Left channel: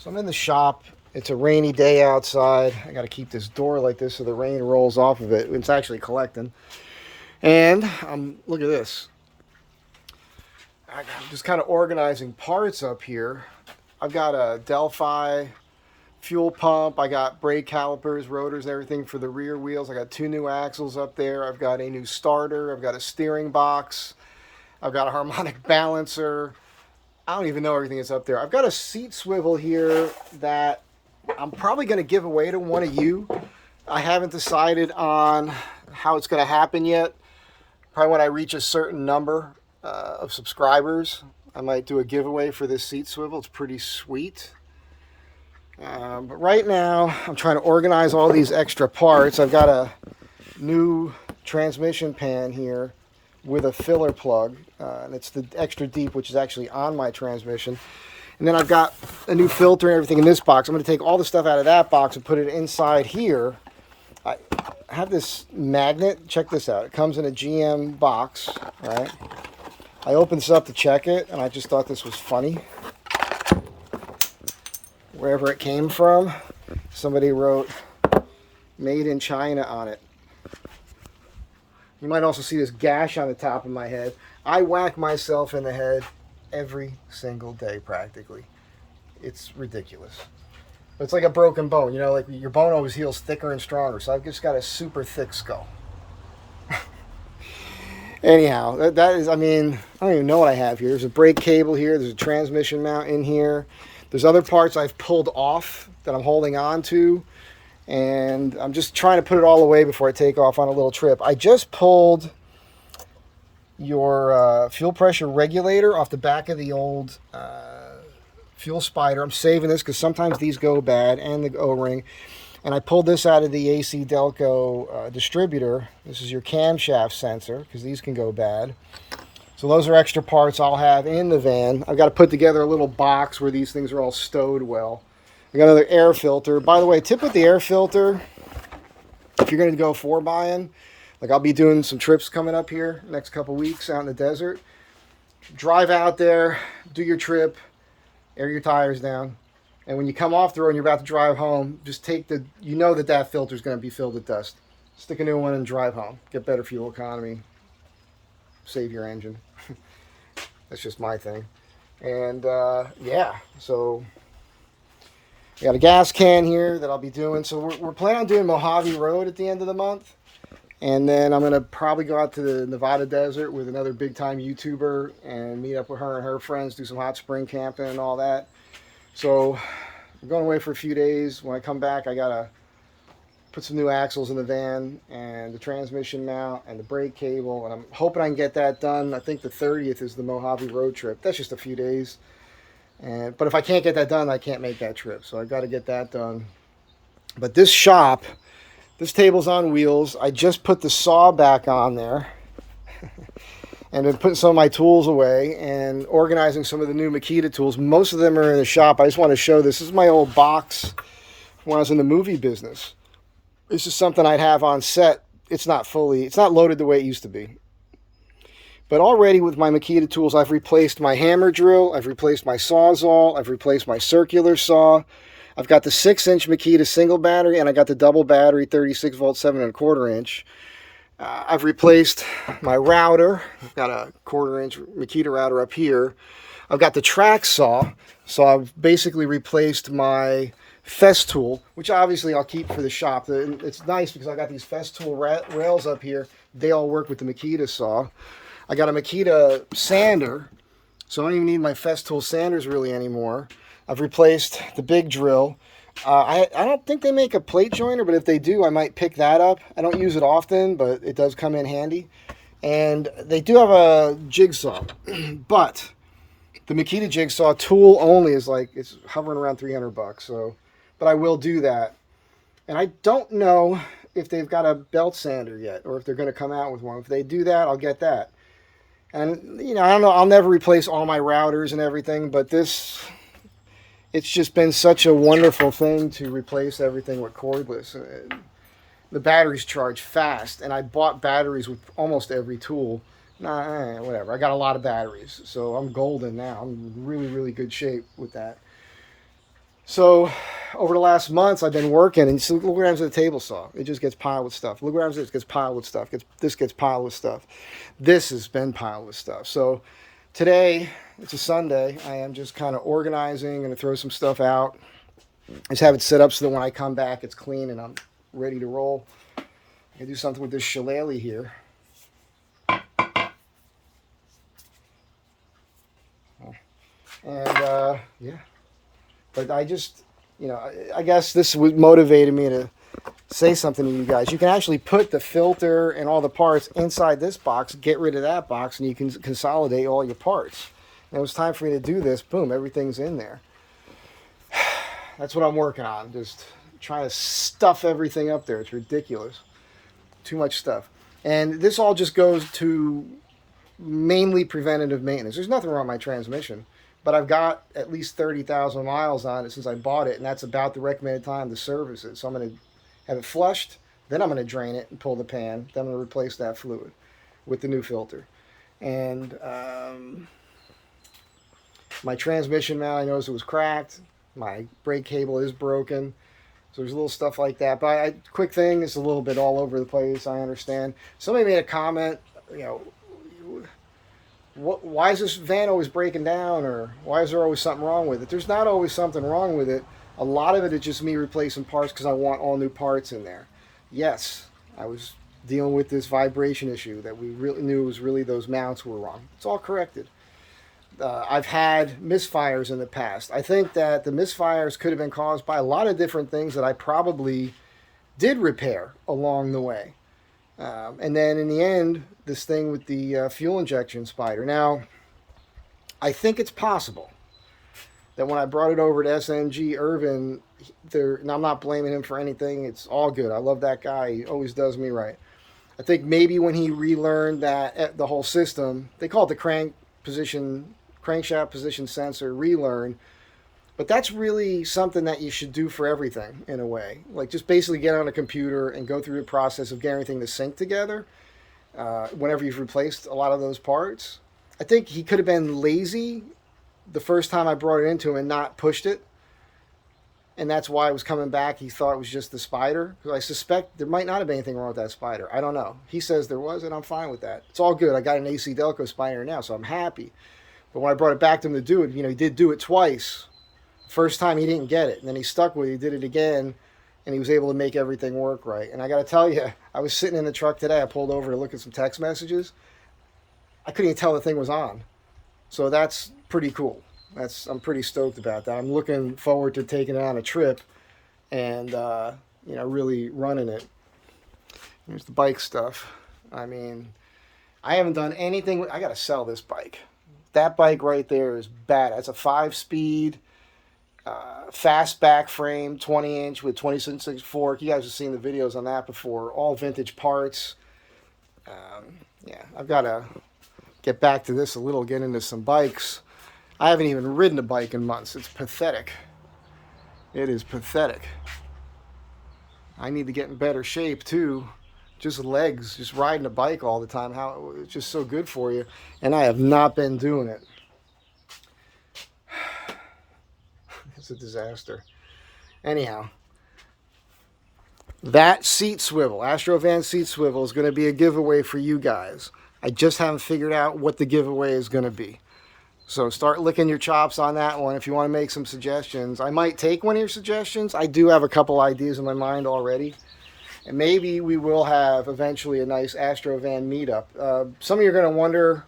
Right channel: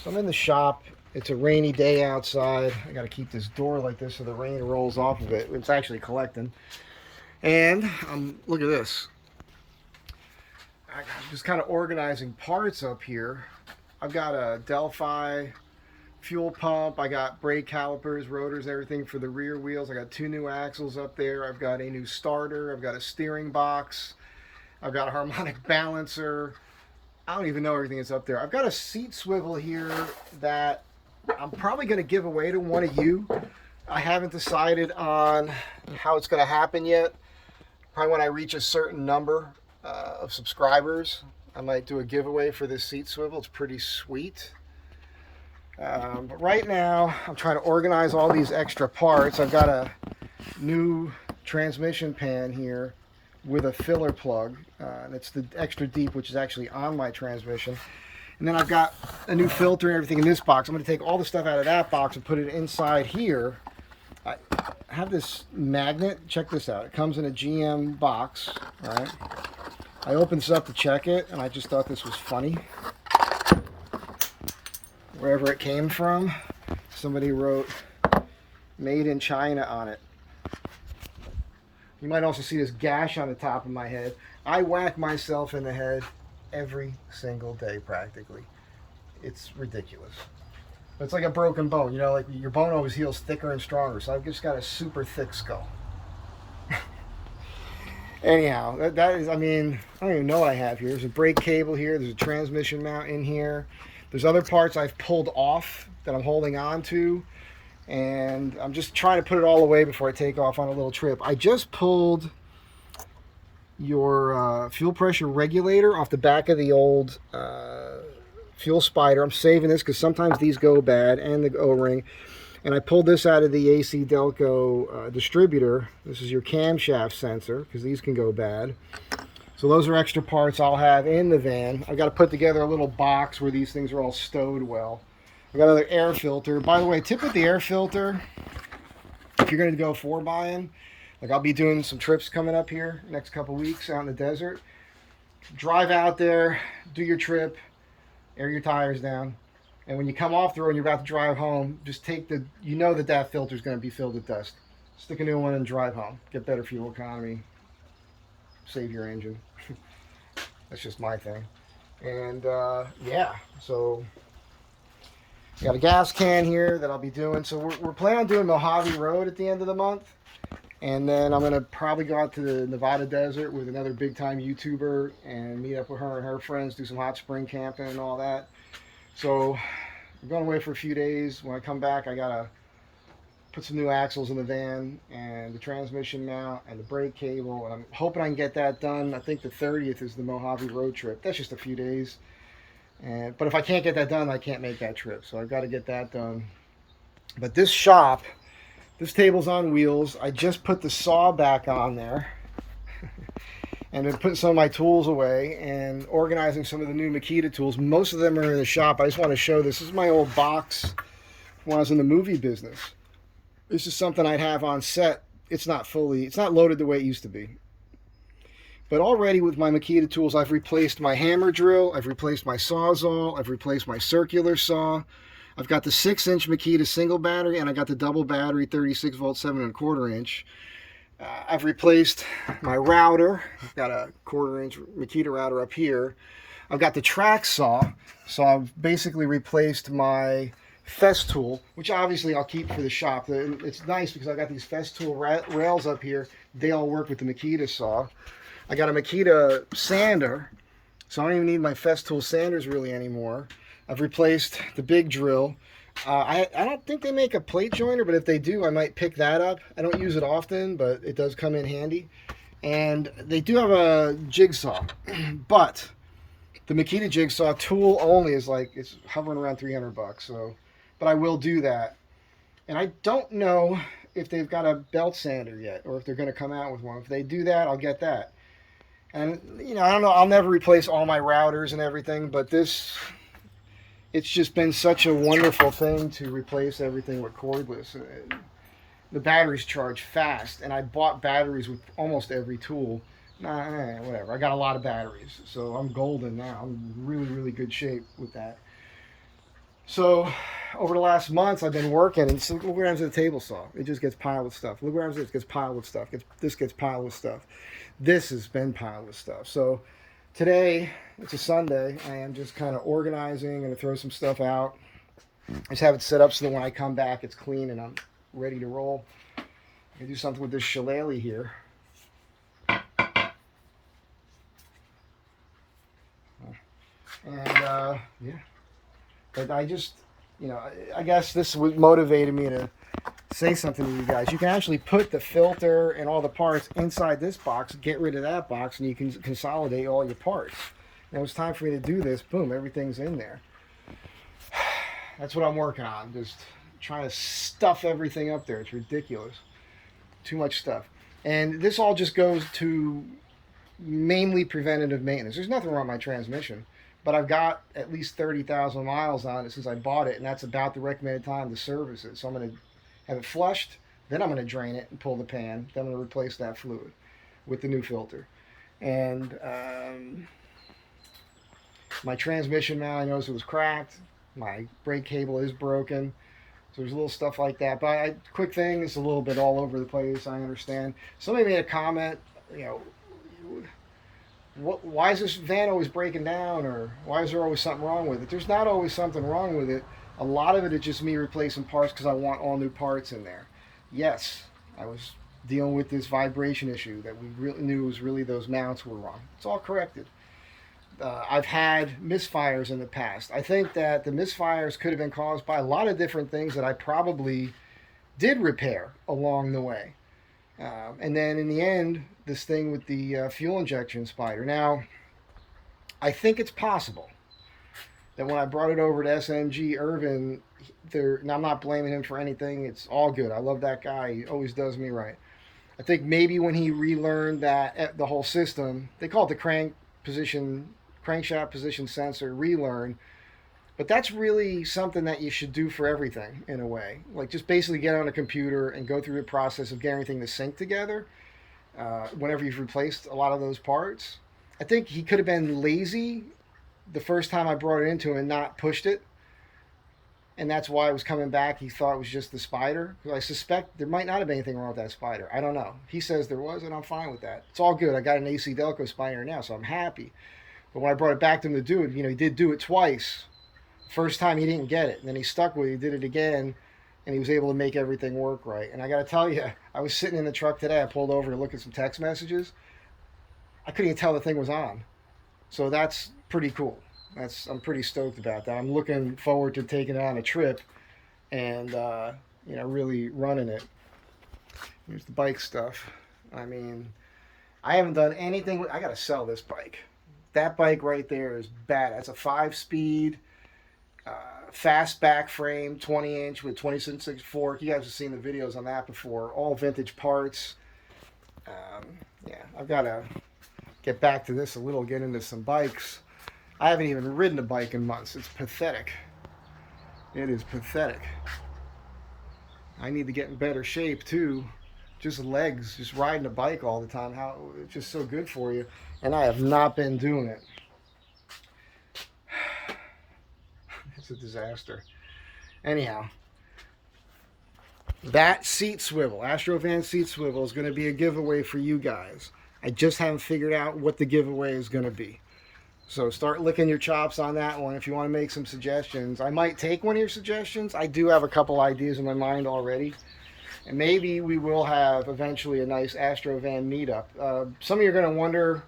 So I'm in the shop. It's a rainy day outside. I got to keep this door like this so the rain rolls off of it. It's actually collecting. And look at this. I'm just kind of organizing parts up here. I've got a Delphi fuel pump. I got brake calipers, rotors, everything for the rear wheels. I got two new axles up there. I've got a new starter. I've got a steering box. I've got a harmonic balancer. I don't even know everything that's up there. I've got a seat swivel here that I'm probably going to give away to one of you. I haven't decided on how it's going to happen yet. Probably when I reach a certain number of subscribers, I might do a giveaway for this seat swivel. It's pretty sweet. But right now, I'm trying to organize all these extra parts. I've got a new transmission pan here with a filler plug, and it's the extra deep, which is actually on my transmission. And then I've got a new filter and everything in this box. I'm going to take all the stuff out of that box and put it inside here. I have this magnet. Check this out. It comes in a GM box, right? I opened this up to check it, and I just thought this was funny. Wherever it came from, somebody wrote "Made in China" on it. You might also see this gash on the top of my head. I whack myself in the head every single day practically. It's ridiculous. It's like a broken bone, you know, like your bone always heals thicker and stronger. So I've just got a super thick skull. Anyhow, that is, I mean, I don't even know what I have here. There's a brake cable here. There's a transmission mount in here. There's other parts I've pulled off that I'm holding on to. And I'm just trying to put it all away before I take off on a little trip. I just pulled your fuel pressure regulator off the back of the old fuel spider. I'm saving this because sometimes these go bad, and the O-ring. And I pulled this out of the AC Delco distributor. This is your camshaft sensor because these can go bad. So those are extra parts I'll have in the van. I've got to put together a little box where these things are all stowed well. I got another air filter. By the way, tip with the air filter, if you're going to go 4-buying, like I'll be doing some trips coming up here next couple weeks out in the desert. Drive out there, do your trip, air your tires down. And when you come off the road and you're about to drive home, just take you know that filter is going to be filled with dust. Stick a new one and drive home. Get better fuel economy. Save your engine. That's just my thing. And yeah, so I got a gas can here that I'll be doing. So we're planning on doing Mojave Road at the end of the month. And then I'm going to probably go out to the Nevada desert with another big time YouTuber and meet up with her and her friends, do some hot spring camping and all that. So I'm going away for a few days. When I come back, I got to put some new axles in the van and the transmission mount and the brake cable. And I'm hoping I can get that done. I think the 30th is the Mojave road trip. That's just a few days. But if I can't get that done, I can't make that trip. So I've got to get that done. But this shop, this table's on wheels. I just put the saw back on there. And been putting some of my tools away and organizing some of the new Makita tools. Most of them are in the shop. I just want to show this. This is my old box when I was in the movie business. This is something I'd have on set. It's not loaded the way it used to be. But already with my Makita tools, I've replaced my hammer drill, I've replaced my Sawzall, I've replaced my circular saw. I've got the 6-inch Makita single battery, and I got the double battery 36 volt 7¼ inch. I've replaced my router. I've got a 1/4 inch Makita router up here. I've got the track saw. So I've basically replaced my Festool, which obviously I'll keep for the shop. It's nice because I got these Festool rails up here. They all work with the Makita saw. I got a Makita sander, so I don't even need my Festool sanders really anymore. I've replaced the big drill. I don't think they make a plate joiner, but if they do, I might pick that up. I don't use it often, but it does come in handy. And they do have a jigsaw, but the Makita jigsaw tool only is it's hovering around $300. So, but I will do that. And I don't know if they've got a belt sander yet, or if they're going to come out with one. If they do that, I'll get that. And I don't know. I'll never replace all my routers and everything, but it's just been such a wonderful thing to replace everything with cordless. The batteries charge fast, and I bought batteries with almost every tool. Whatever. I got a lot of batteries, so I'm golden now. I'm in really, really good shape with that. So over the last months, I've been working, and so look what happens with the table saw. It just gets piled with stuff. Look what happens, it gets piled with stuff. This gets piled with stuff. This has been piled with stuff. So today, it's a Sunday. I am just kind of organizing, going to throw some stuff out. Just have it set up so that when I come back, it's clean and I'm ready to roll. I do something with this shillelagh here. And yeah, but I just, I guess this motivated me to say something to you guys. You can actually put the filter and all the parts inside this box, get rid of that box, and you can consolidate all your parts. And it was time for me to do this. Boom, everything's in there. That's what I'm working on. Just trying to stuff everything up there. It's ridiculous. Too much stuff. And this all just goes to mainly preventative maintenance. There's nothing wrong with my transmission, but I've got at least 30,000 miles on it since I bought it, and that's about the recommended time to service it. So I'm going to have it flushed, then I'm going to drain it and pull the pan. Then I'm going to replace that fluid with the new filter. And my transmission mount, I noticed it was cracked. My brake cable is broken. So there's little stuff like that. But quick thing, it's a little bit all over the place, I understand. Somebody made a comment, why is this van always breaking down, or why is there always something wrong with it? There's not always something wrong with it. A lot of it is just me replacing parts because I want all new parts in there. Yes, I was dealing with this vibration issue that we really knew was really those mounts were wrong. It's all corrected. I've had misfires in the past. I think that the misfires could have been caused by a lot of different things that I probably did repair along the way. And then in the end, this thing with the fuel injection spider. Now, I think it's possible that when I brought it over to SNG Irvin, and I'm not blaming him for anything. It's all good. I love that guy. He always does me right. I think maybe when he relearned that the whole system, they call it the crankshaft position sensor relearn, but that's really something that you should do for everything in a way. Like just basically get on a computer and go through the process of getting everything to sync together whenever you've replaced a lot of those parts. I think he could have been lazy the first time I brought it into him and not pushed it. And that's why it was coming back. He thought it was just the spider. Because I suspect there might not have been anything wrong with that spider. I don't know. He says there was, and I'm fine with that. It's all good. I got an AC Delco spider now, so I'm happy. But when I brought it back to him to do it, he did do it twice. First time he didn't get it, and then he stuck with it. He did it again, and he was able to make everything work right. And I got to tell you, I was sitting in the truck today. I pulled over to look at some text messages. I couldn't even tell the thing was on. So that's pretty cool. I'm pretty stoked about that. I'm looking forward to taking it on a trip and really running it. Here's the bike stuff. I mean, I haven't done anything. I got to sell this bike. That bike right there is bad. That's a 5-speed, fast back frame, 20-inch with 26-inch fork. You guys have seen the videos on that before. All vintage parts. I've got to get back to this a little, get into some bikes. I haven't even ridden a bike in months. It's pathetic. It is pathetic. I need to get in better shape too. Just legs, just riding a bike all the time. How it's just so good for you. And I have not been doing it. It's a disaster. Anyhow, that seat swivel, Astro Van seat swivel, is going to be a giveaway for you guys. I just haven't figured out what the giveaway is going to be. So start licking your chops on that one if you want to make some suggestions. I might take one of your suggestions. I do have a couple ideas in my mind already. And maybe we will have eventually a nice Astro Van meetup. Some of you are going to wonder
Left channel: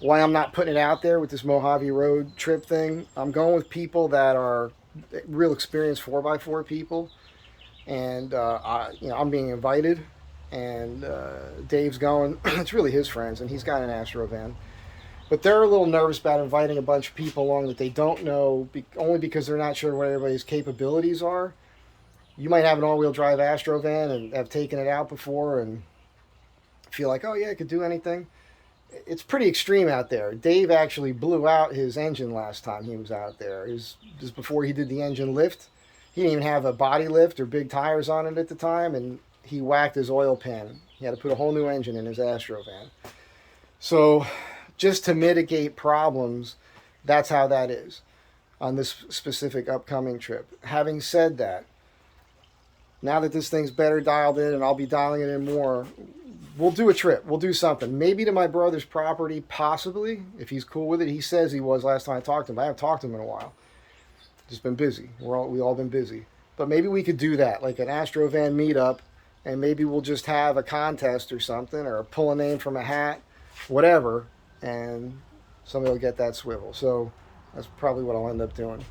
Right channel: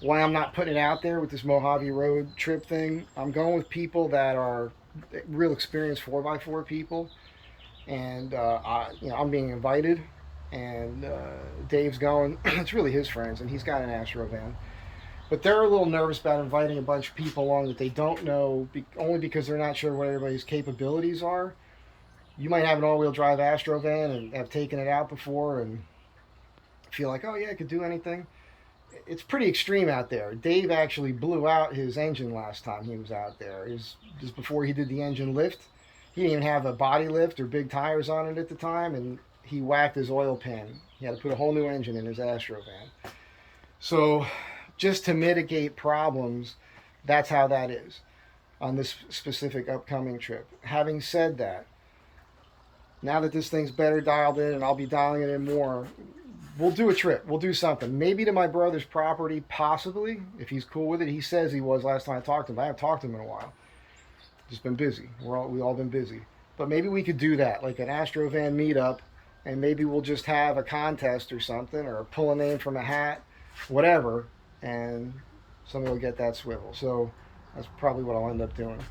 why I'm not putting it out there with this Mojave Road trip thing. I'm going with people that are real experienced 4x4 people. And I'm being invited. And Dave's going. It's really his friends, and he's got an Astro Van. But they're a little nervous about inviting a bunch of people along that they don't know, only because they're not sure what everybody's capabilities are. You might have an all-wheel drive Astro Van and have taken it out before and feel like, oh yeah, I could do anything. It's pretty extreme out there. Dave actually blew out his engine last time he was out there. This was before he did the engine lift. He didn't even have a body lift or big tires on it at the time, and he whacked his oil pan. He had to put a whole new engine in his Astro Van. So just to mitigate problems, that's how that is. on this specific upcoming trip. Having said that, now that this thing's better dialed in and I'll be dialing it in more, we'll do a trip. We'll do something. Maybe to my brother's property, possibly, if he's cool with it. He says he was last time I talked to him. I haven't talked to him in a while. Just been busy. We all been busy. But maybe we could do that, like an Astro Van meetup, and maybe we'll just have a contest or something, or pull a name from a hat, whatever, and somebody will get that swivel. So that's probably what I'll end up doing.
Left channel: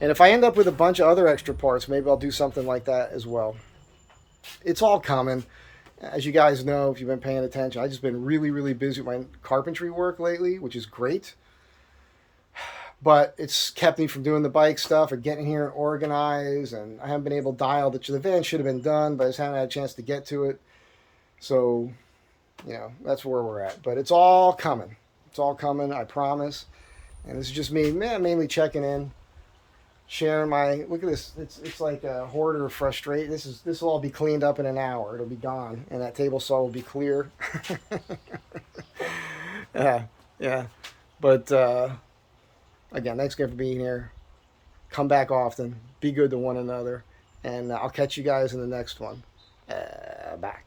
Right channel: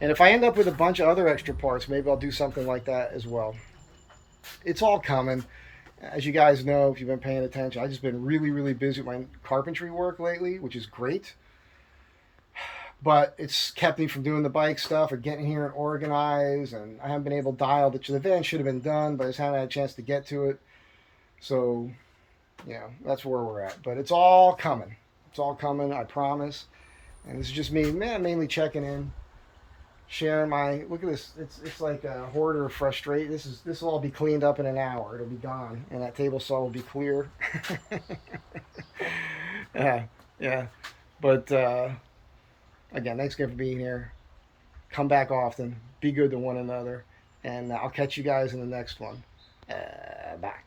And if I end up with a bunch of other extra parts, maybe I'll do something like that as well. It's all coming. As you guys know, if you've been paying attention, I've just been really, really busy with my carpentry work lately, which is great. But it's kept me from doing the bike stuff or getting here and organized, and I haven't been able to dial the van should have been done, but I just haven't had a chance to get to it. So, that's where we're at. But it's all coming. It's all coming, I promise. And this is just me, mainly checking in, sharing my, look at this. It's like a hoarder of frustration. This will all be cleaned up in an hour. It'll be gone, and that table saw will be clear. Yeah. But again, thanks again for being here. Come back often. Be good to one another, and I'll catch you guys in the next one. Bye.